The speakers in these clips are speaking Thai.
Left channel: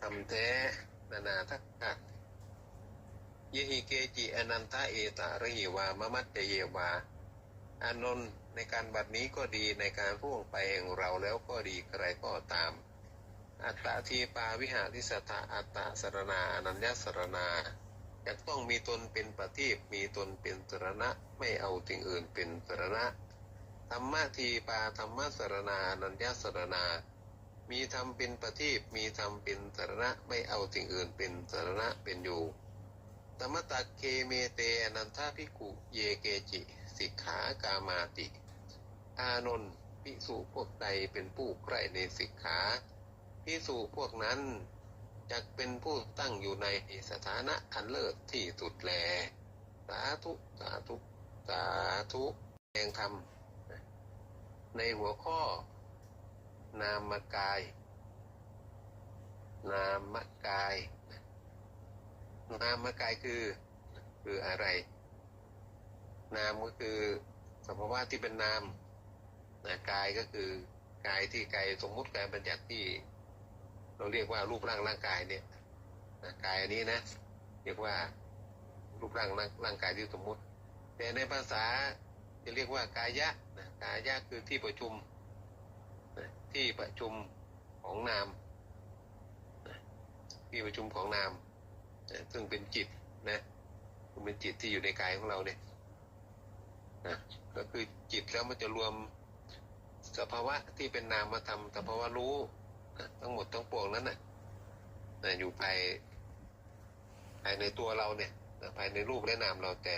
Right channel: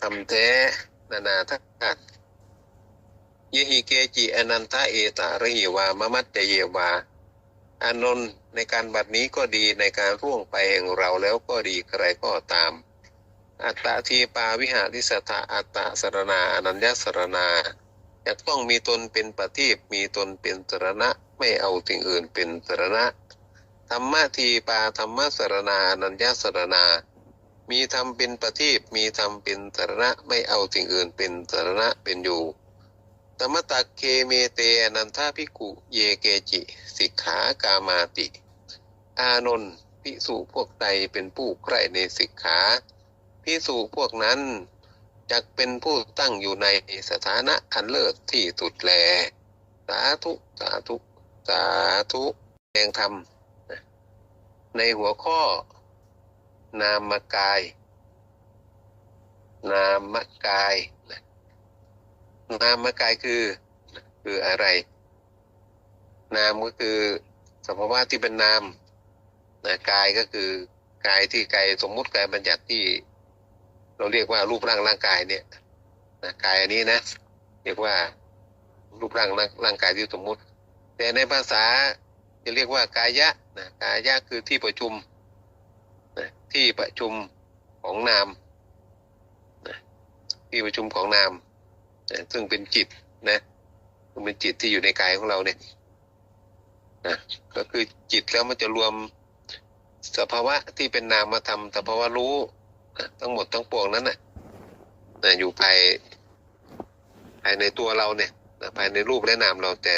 ทำแท้นานาทักกัดยหิเกจิอนันทะเอตาระหิวามะมัตจเยวาอานนท์ในการบัดนี้ก็ดีในการร่วงไปแห่งเราแล้วก็ดีใครก็ตาม อัตตาทีปาวิหาริสถาอัตตาสรณาอนัญญสรณาจะต้องมีตนเป็นปฏิบมีตนเป็นสรณะไม่เอาสิ่งอื่นเป็นสรณะธรรมะทีปาธรรมะสรณาอนัญญสรณา มีธรรมเป็นประทีปมีธรรมเป็นสาระไม่เอาสิ่งอื่นเป็นสาระเป็นอยู่ธรรมตักเคเมเตอนันทาภิกุเยเกจิ สิกขากามาติ อานนท์พิสุพวกใดเป็นผู้ใกล้ในสิกขาพิสุพวกนั้นจักเป็นผู้ตั้งอยู่ในสถานะอันเลิศที่สุดแล สาธุ สาธุ สาธุแดงธรรมในหัวข้อ นามกาย นามกาย นามกายคือคืออะไร นามก็คือสภาวะที่เป็นนามนะกายก็คือกายที่กายสมมุติกายบัญญัติที่ เราเรียกว่ารูปร่างร่างกายเนี่ยนะกายอันนี้นะ เรียกว่ารูปร่างร่างร่างกายที่สมมุติ แต่ในภาษาจะเรียกว่ากายะนะกายะคือที่ประชุม ที่ประชุมของนามนะที่ประชุมของนามนะซึ่งเป็นจิตนะซึ่งเป็นจิตที่อยู่ในกายของเราเนี่ยนะก็คือจิตแล้วมันจะรวมสภาวะที่เป็นนามธรรมสภาวะรู้นะทั้งหมดทั้งปวงนั้นนะนะอยู่ภายภายในตัวเราเนี่ยนะภายในรูปและนามเราแต่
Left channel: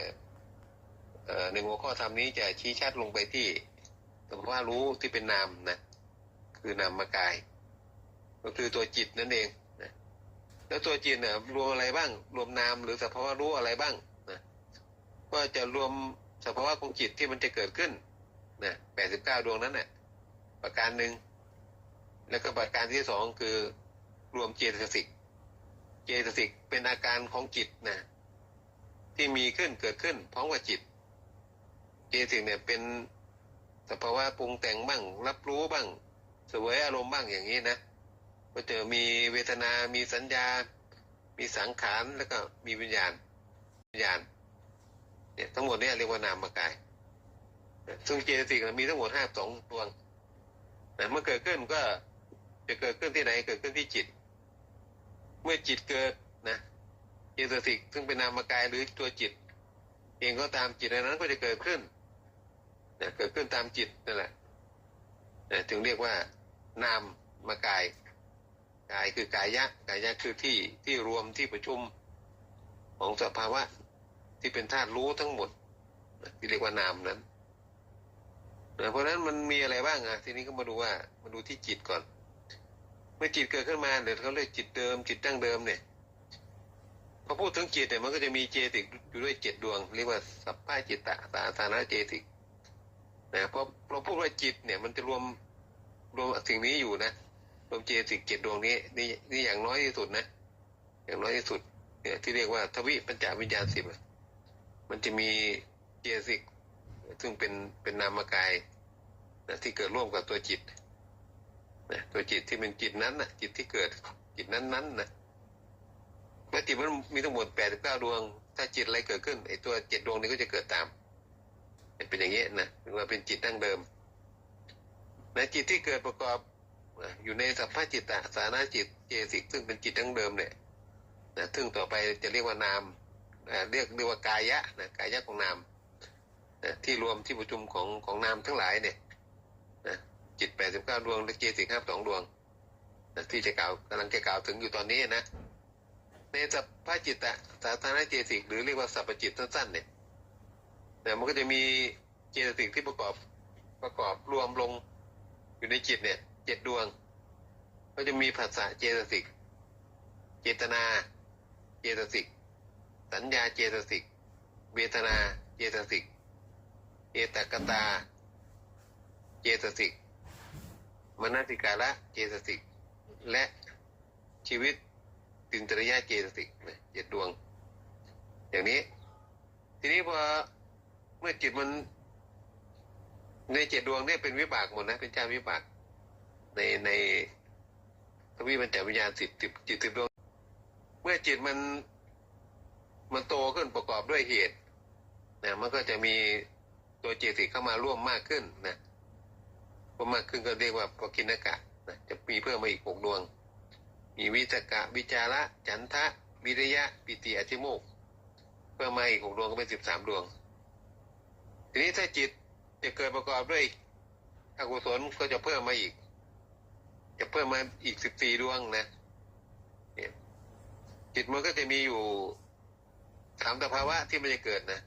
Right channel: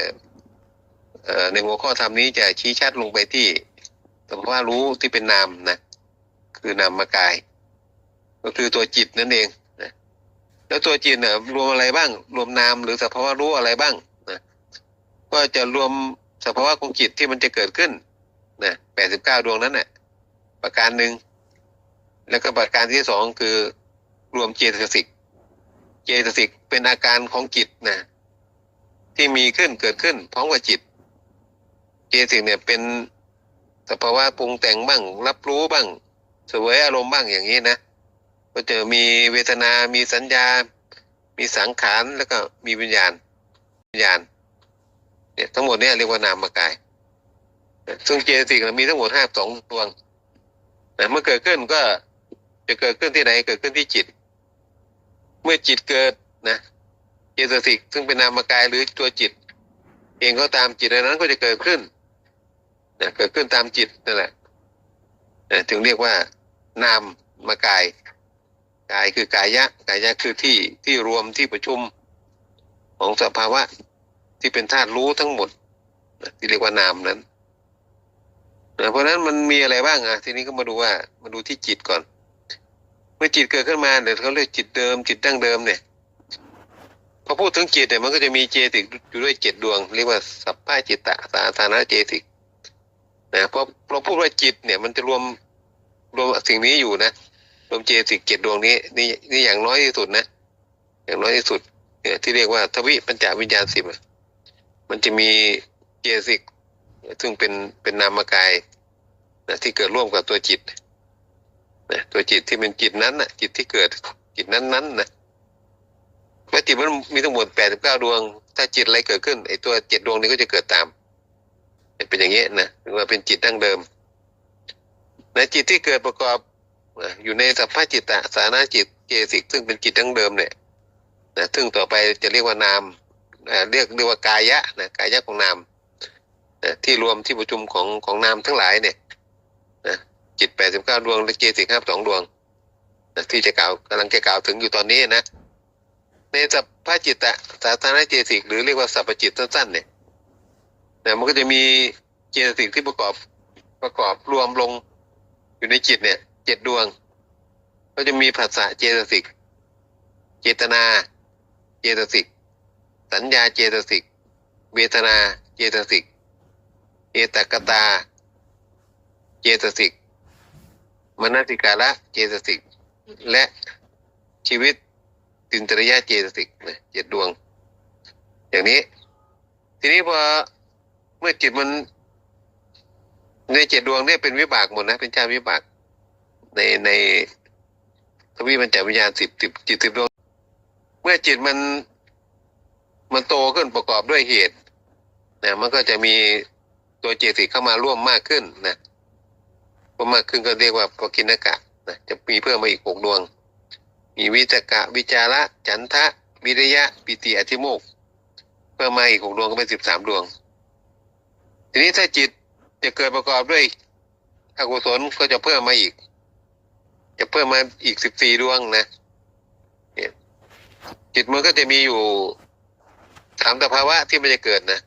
ในหัวข้อธรรมนี้จะชี้ชัดลงไปที่สภาวะรู้ที่เป็นนามนะ คือนามกาย ก็คือตัวจิตนั่นเองนะแล้วตัวจิตเนี่ยรวมอะไรบ้าง รวมนามหรือสภาวะรู้อะไรบ้างนะก็จะรวมสภาวะของจิตที่มันจะเกิดขึ้นนะแปดสิบเก้าดวงนั้นน่ะประการหนึ่งแล้วก็ประการที่สองคือรวมเจตสิก เจตสิกเป็นอาการของจิตนะที่มีขึ้นเกิดขึ้นพร้อมกับจิต เจตสิกเนี่ยเป็นสภาวะปรุงแต่งบ้าง รับรู้บ้าง สวยอารมณ์บ้างอย่างนี้นะก็จะมีเวทนา มีสัญญา มีสังขารแล้วก็มีวิญญาณ วิญญาณ เนี่ยทั้งหมดเนี่ยเรียกว่านามกาย ซึ่งเจตสิกมีทั้งหมดห้าสองดวงแต่เมื่อเกิดขึ้นก็จะเกิดขึ้นที่ไหนเกิดขึ้นที่จิต เมื่อจิตเกิดนะเจตสิกซึ่งเป็นนามกายหรือตัวจิต เองก็ตามจิตอันนั้นก็จะเกิดขึ้นนะเกิดขึ้นตามจิตนั่นแหละนะถึงเรียกว่า นามมากาย กายคือกายะกายะคือที่ที่รวมที่ประชุมของสภาวะที่เป็นธาตุรู้ทั้งหมดที่เรียกว่านามนั้นเพราะนั้นมันมีอะไรบ้างอะทีนี้ก็มาดูว่ามาดูที่จิตก่อน เมื่อจิตเกิดขึ้นมาเดี๋ยวเขาเรียกจิตเดิม จิตดั้งเดิมเนี่ยพอพูดถึงจิตเนี่ยมันก็จะมีเจติกอยู่ด้วยเจ็ดดวง เรียกว่าสัพพะจิตตะสาธารณเจติกนะพราะเราพูดว่าจิตเนี่ยมันจะรวม รวมสิ่งนี้อยู่นะรวมเจติกเจ็ดดวงนี้นี่นี่อย่างน้อยที่สุดนะอย่างน้อยที่สุดเนี่ยที่เรียกว่าทวิปัญจวิญญาณสิบมันจะมีเจติกซึ่งเป็นเป็นนามกายนะที่เกิดร่วมกับตัวจิตนะตัวจิตที่เป็นจิตนั้นนะจิตที่เกิดจิตนั้นนั้นนะเมื่อจิตมันมีทั้งหมดแปดสิบเก้าดวง ถ้าจิตอะไรเกิดขึ้นไอ้ตัวเจ็ดดวงนี้ก็จะเกิดตาม เป็นอย่างนี้นะถึงว่าเป็นจิตดั้งเดิม ในจิตที่เกิดประกอบอยู่ในสัพพะจิตตะสานาจิตเจสิก ซึ่งเป็นจิตดั้งเดิมเนี่ยนะซึ่งต่อไปจะเรียกว่านามเรียกเรียกว่ากายะนะกายะของนามนะที่รวมที่ประชุมของของนามทั้งหลายเนี่ยนะจิตแปดสิบเก้าดวงและเจสิกห้าสองดวงนะที่จะกล่าวกำลังจะกล่าวถึงอยู่ตอนนี้นะในสัพพะจิตตะสาธารณเจสิกหรือเรียกว่าสัพพจิตสั้นๆเนี่ยนะมันก็จะมีเจสิกที่ประกอบประกอบรวมลง อยู่ในจิตเนี่ยเจ็ดดวง ก็จะมีภาษาเจตสิก เจตนา เจตสิก สัญญาเจตสิก เวทนาเจตสิก เอตกตา เจตสิก มนติการะเจตสิก และชีวิตตินตริยะเจตสิกนะเจ็ดดวง อย่างนี้ ทีนี้พอเมื่อจิตมัน ในเจ็ดดวงเนี่ยเป็นวิบากหมดนะ เป็นชาติวิบาก ในในทวิมันจะวิญญาณสิบสิบจิตสิบดวง เมื่อจิตมันมันโตขึ้นประกอบด้วยเหตุนะมันก็จะมีตัวเจตสิกเข้ามาร่วมมากขึ้นนะพอมากขึ้นก็เรียกว่าปกินกะนะจะมีเพิ่มมาอีกหกดวง มีวิจกะ วิจาระ จันทะ วิริยะ ปิติอธิโมกเพิ่มมาอีกหกดวงก็เป็นสิบสามดวง ทีนี้ถ้าจิต จะเกิดประกอบด้วยอกุศลก็จะเพิ่มมาอีก จะเพิ่มมาอีกสิบสี่ดวงนะจิตมันก็จะมีอยู่สามสภาวะที่มันจะเกิดนะ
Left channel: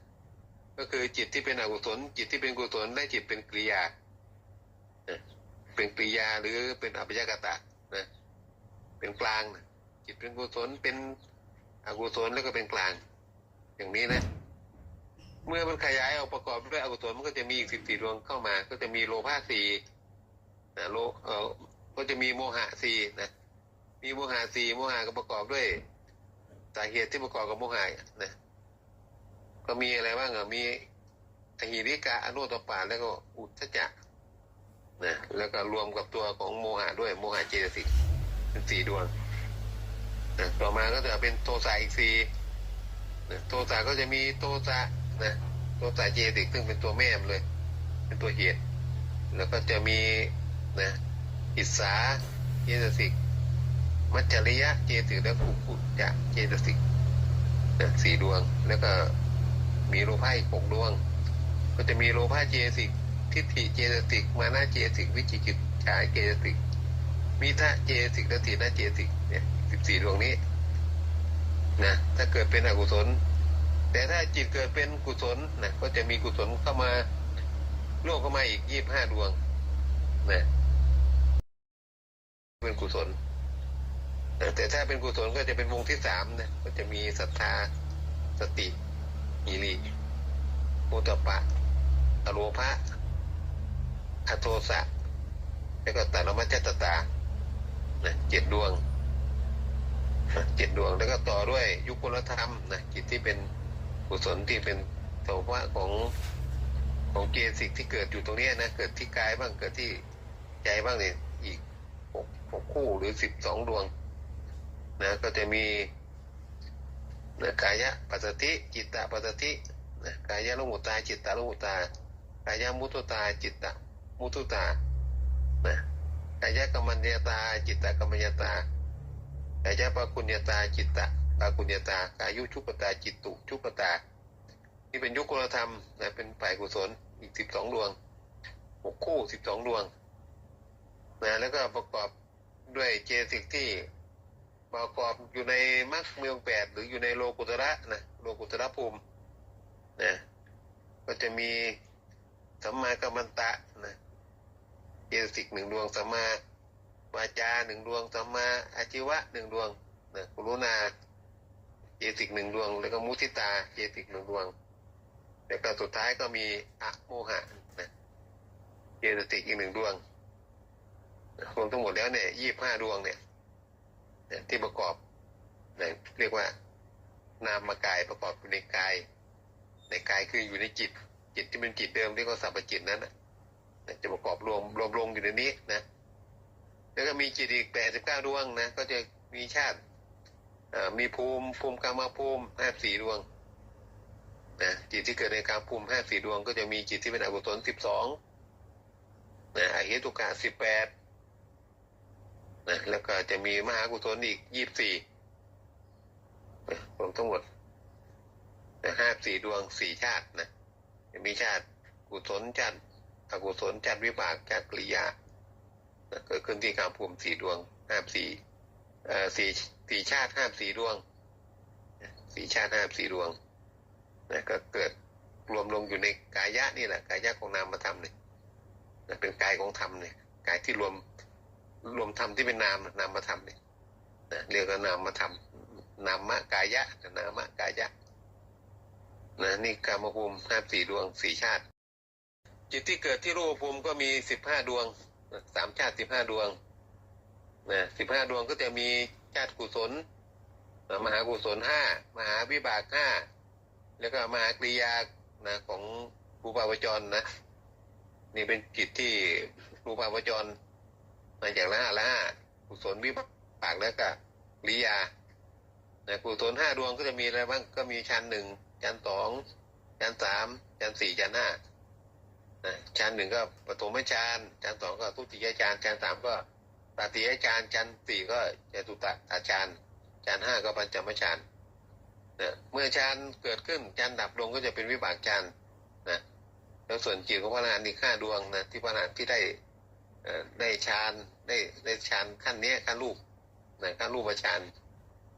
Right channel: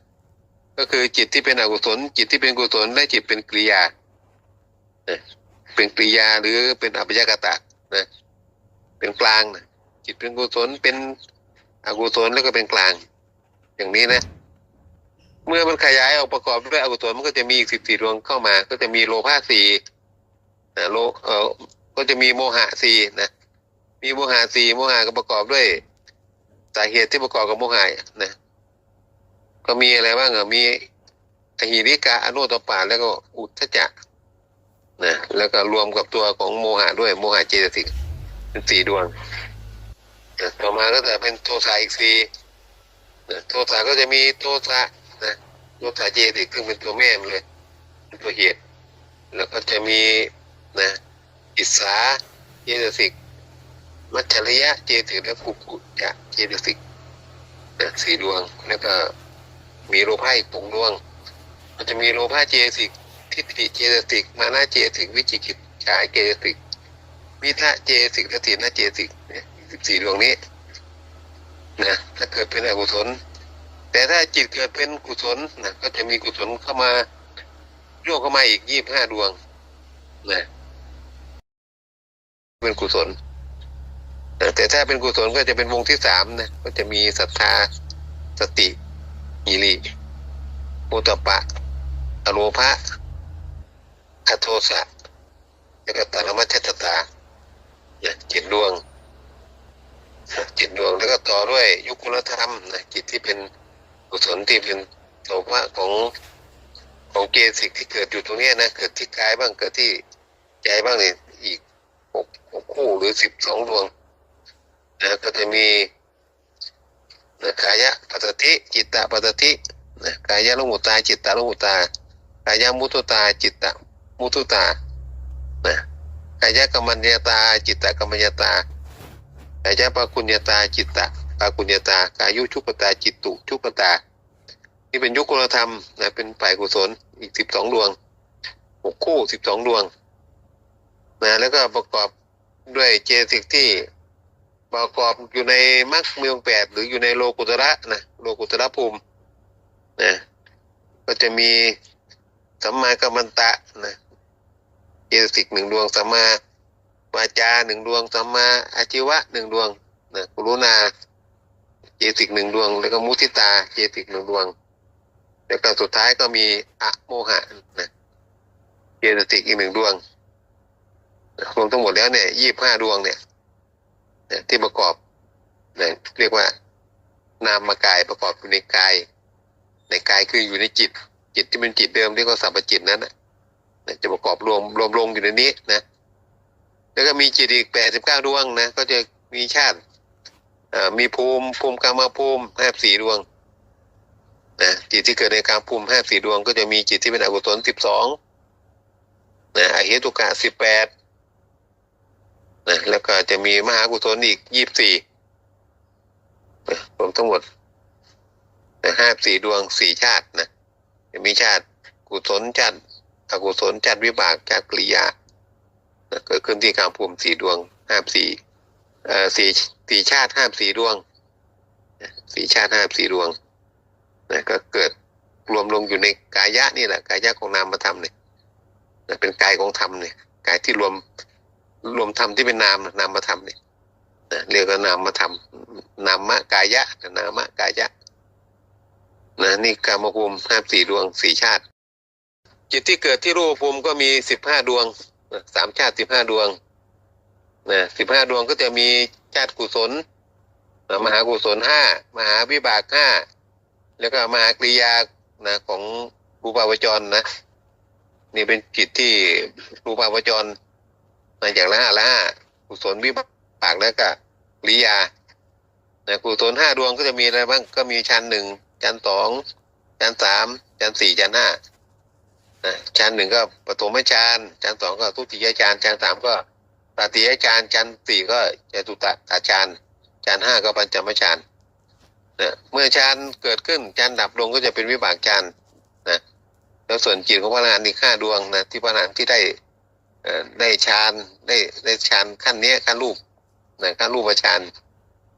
ก็คือจิตที่เป็นอกุศล จิตที่เป็นกุศลและจิตเป็นกริยาเป็นกริยาหรือเป็นอัปยากตะนะเป็นกลางนะจิตเป็นกุศลเป็นอกุศลแล้วก็เป็นกลาง อย่างนี้นะ เมื่อมันขยายออกประกอบด้วยอกุศลมันก็จะมีอีกสิบสี่ดวงเข้ามา ก็จะมีโลภะสี่นะโลเออก็จะมีโมหะสี่นะมีโมหะสี่โมหะก็ประกอบด้วยสาเหตุที่ประกอบกับโมหะนะ ก็มีอะไรบ้างอะมีอหิริกะอนุตตปาแล้วก็อุทธจักนะแล้วก็รวมกับตัวของโมหะด้วยโมหะเจตสิกเป็นสี่ดวงต่อมาก็จะเป็นโทสะอีกสี่โทสะก็จะมีโทสะ นะโทสะเจตสิกซึ่งเป็นตัวแม่มันเลย เป็นตัวเหตุ แล้วก็จะมีนะอิสาเจตสิก มัจฉริยะเจตสิกและภูปุจะเจตสิกนะสี่ดวง แล้วก็มีโลภะอีกหกดวง มันจะมีโลภะเจตสิกทิฏฐิเจตสิก มานะเจตสิก วิจิกิจฉาเจตสิกวิทะเจตสิกและถีนะเจตสิกเนี่ยสิบสี่ดวงนี้นะถ้าเกิดเป็นอกุศล แต่ถ้าจิตเกิดเป็นกุศลนะก็จะมีกุศลเข้ามาโยกเข้ามาอีกยี่บห้าดวงนะเป็นกุศลแต่ถ้าเป็นกุศลก็จะเป็นวงที่สามนะก็จะมีศรัทธาสติหิริโอตปปะอโลภะอโทสะแล้วก็ตารมัจจตตาเนี่ยจิตดวงนะจิตดวงแล้วก็ต่อด้วยยุคลธรรมนะจิตที่เป็น กุศลที่เป็นโสภะของของเกสิกที่เกิดอยู่ตรงนี้นะเกิดที่กายบ้างเกิดที่ใจบ้างเนี่ยอีกหกหกคู่หรือสิบสองดวงนะก็จะมีนะกายะปัสติจิตตะปัสตินะกายะลมุตตาจิตตาลมุตตากายะมุตุตา จิตตะมุตุตานะกายะกรรมัญญาตา จิตตะกรรมัญญาตากายะปากุญญาตาจิตตะ ปากุญญาตากายุชุปตาจิตตุชุปตา นี่เป็นยุคกุลธรรมนะเป็นฝ่ายกุศลอีกสิบสองดวงหกคู่สิบสองดวงนะแล้วก็ประกอบด้วยเจตสิกที่ประกอบอยู่ในมรรคเมืองแปดหรืออยู่ในโลกุตระนะโลกุตระภูมินะก็จะมีสัมมากัมมันตะนะเจตสิกหนึ่งดวงสัมมาวาจาหนึ่งดวงสัมมาอาชีวะหนึ่งดวงนะกรุณา ตสิกหนึ่งดวง แล้วก็มุทิตาเจติกหนึ่งดวง แล้วก็สุดท้ายก็มีอะโมหะนะเจติกอีกหนึ่งดวงรวมทั้งหมดแล้วเนี่ยยี่บห้าดวงเนี่ยที่ประกอบนะเรียกว่านามกายประกอบอยู่ในกาย ในกายคืออยู่ในจิต จิตที่เป็นจิตเดิมที่เขาสัมปจิตนั้นนะจะประกอบรวมรวมลงอยู่ในนี้นะ แล้วก็มีจิตอีกแปดสิบเก้าดวงนะ ก็จะมีชาติ มีภูมิภูมิกรรมภูมิห้าสี่ดวงนะจิตที่เกิดในกางภูมิห้าสี่ดวง ก็จะมีจิตที่เป็นอกุศลสิบสองนะอเหตุกะสิบแปดนะแล้วก็จะมีมหากุศลอีกยี่สิบสี่รวมทั้งหมดห้าสี่ดวงสี่ชาตินะจะมีชาติกุศลชาติอกุศลชาติวิบากชาติกริยาเกิดขึ้นที่กางภูมิสี่ดวงห้าสี่เอ่อสี่ สี่ชาติห้าสี่ดวงสี่ชาติห้าสี่ดวงนะก็เกิดรวมลงอยู่ในกายะนี่แหละกายะของนามธรรมเนี่ยนะเป็นกายของธรรมเนี่ยกายที่รวมรวมธรรมที่เป็นนามนามธรรมเนี่ยนะเรียกว่านามธรรมนามะกายะนามะกายะนะนี่กามภูมิห้าสี่ดวงสี่ชาติ จิตที่เกิดที่รูปภูมิก็มีสิบห้าดวงสามชาติสิบห้าดวงนะสิบห้าดวงก็จะมี ชาติกุศลนะมหากุศลห้ามหาวิบากห้าแล้วก็มหากริยานะของรูปาวจรนะ นี่เป็นจิตที่รูปาวจรมาจากละห้าละห้ากุศลวิบากปากแล้วก็กริยานะกุศลห้าดวงก็จะมีอะไรบ้างก็มีชั้นหนึ่งชั้นสองชั้นสามชั้นสี่ชั้นห้านะชั้นหนึ่งก็ปฐมฌานชั้นสองก็ทุติยฌานชั้นสามก็ ตติยฌานชั้นสี่ก็จตุตตฌานชั้นห้าก็ปัญจมฌานนะเมื่อฌานเกิดขึ้นฌานดับลงก็จะเป็นวิบากฌานนะแล้วส่วนจิตของพระอรหันต์อีกห้าดวงนะที่พระอรหันต์ที่ได้เอ่อได้ฌานได้ได้ฌานขั้นเนี้ยขั้นรูปนะขั้นรูปฌาน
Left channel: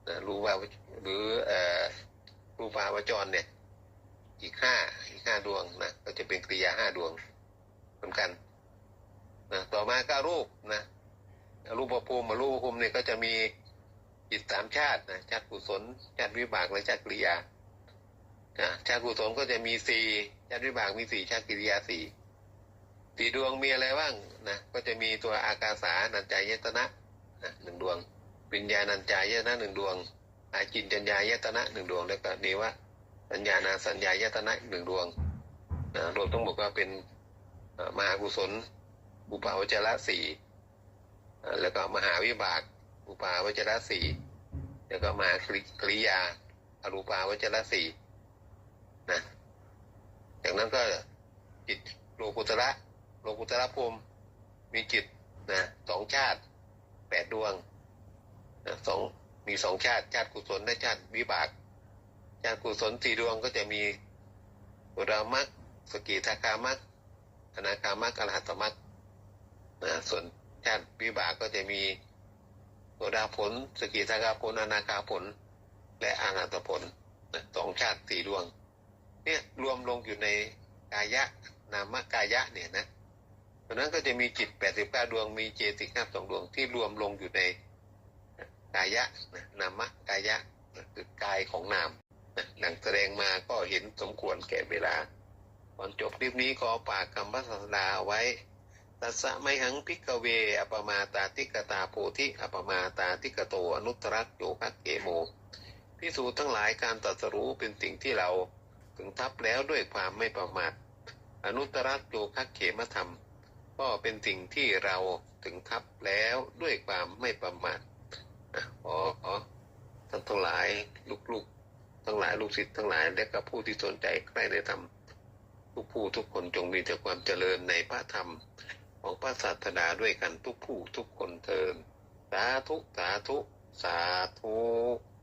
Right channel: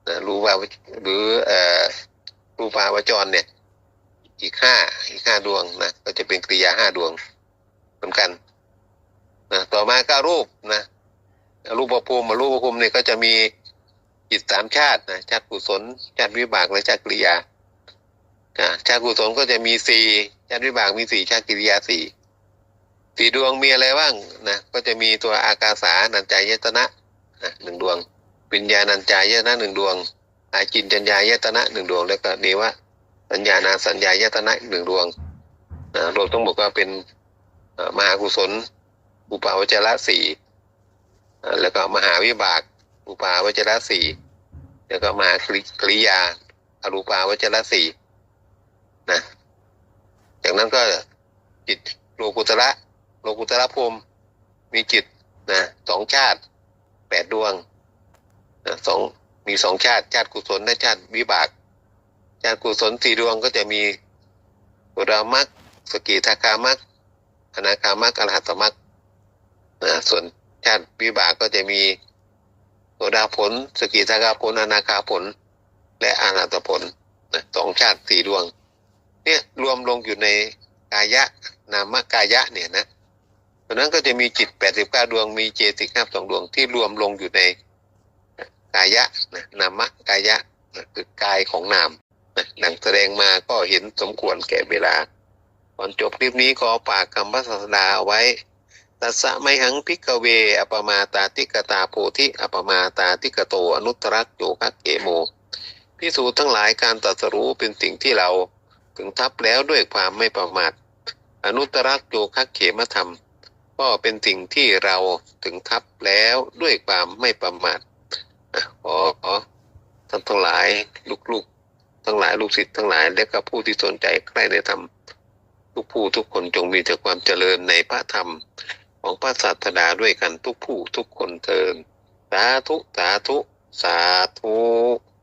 นะรูปาหรือเอ่อรูปาวจรเนี่ย อีกห้าอีกห้าดวงนะก็จะเป็นกริยาห้าดวงเหมือนกันนะต่อมาก็รูปนะ รูปภูมิรูปภูมิเนี่ยก็จะมีจิตสามชาตินะชาติกุศลชาติวิบากและชาติกริยาชาติกุศลก็จะมีสี่ชาติวิบากมีสี่ชาติกิริยาสี่สี่ดวงมีอะไรบ้างนะก็จะมีตัวอากาสานัญจายตนะนะหนึ่งดวงวิญญาณัญจายตนะหนึ่งดวงอาจินจัญญายตนะหนึ่งดวงแล้วก็เนวะสัญญานาสัญญายตนะหนึ่งดวงนะรวมทั้งหมดก็เป็นเอ่อมหากุศลอุปาวจระสี่ แล้วก็มหาวิบาก อุปาวจรสี่แล้วก็มหากริกริยาอรูปาวจรสี่นะจากนั้นก็จิตโลกุตระโลกุตระภูมิมีจิตนะสองชาติแปดดวงนะสองมีสองชาติชาติกุศลและชาติวิบาก ชาติกุศลสี่ดวงก็จะมีโสดามักสกิทาคามักอนาคามักอรหัตมักนะส่วน ชาติวิบากก็จะมีโสดาผล สกิทาคาผลอนาคาผล และอรหัตผลสองชาติสี่ดวง เนี่ยรวมลงอยู่ในกายะนามกายะเนี่ยนะเพราะนั้นก็จะมีจิตแปดสิบเก้าดวง มีเจติกห้าสองดวงที่รวมลงอยู่ในกายะนะนามกายะนะคือกายของนามนะหนังแสดงมาก็เห็นสมควรแก่เวลาก่อนจบคลิปนี้ขอฝากคำพระศาสดาเอาไว้ ตัสสะไมหังพิกเวอปมาตาติกตาโพธิอปมาตาติกโตอนุตรักโยคะเกโมพิสูจน์ทั้งหลายการตรัสรู้เป็นสิ่งที่เราถึงทับแล้วด้วยความไม่ประมาทอนุตรักโยคะเขมธรรม ก็เป็นสิ่งที่เราถึงทับแล้วด้วยความไม่ประมาทอะขออท่านทั้งหลายลูกๆ ทั้งหลายลูกศิษย์ทั้งหลายและก็ผู้ที่สนใจใกล้ในธรรมทุกผู้ทุกคนจงมีแต่ความเจริญในพระธรรม ของพระศาสดาด้วยกันทุกผู้ทุกคนเทินสาธุ สาธุ สาธุ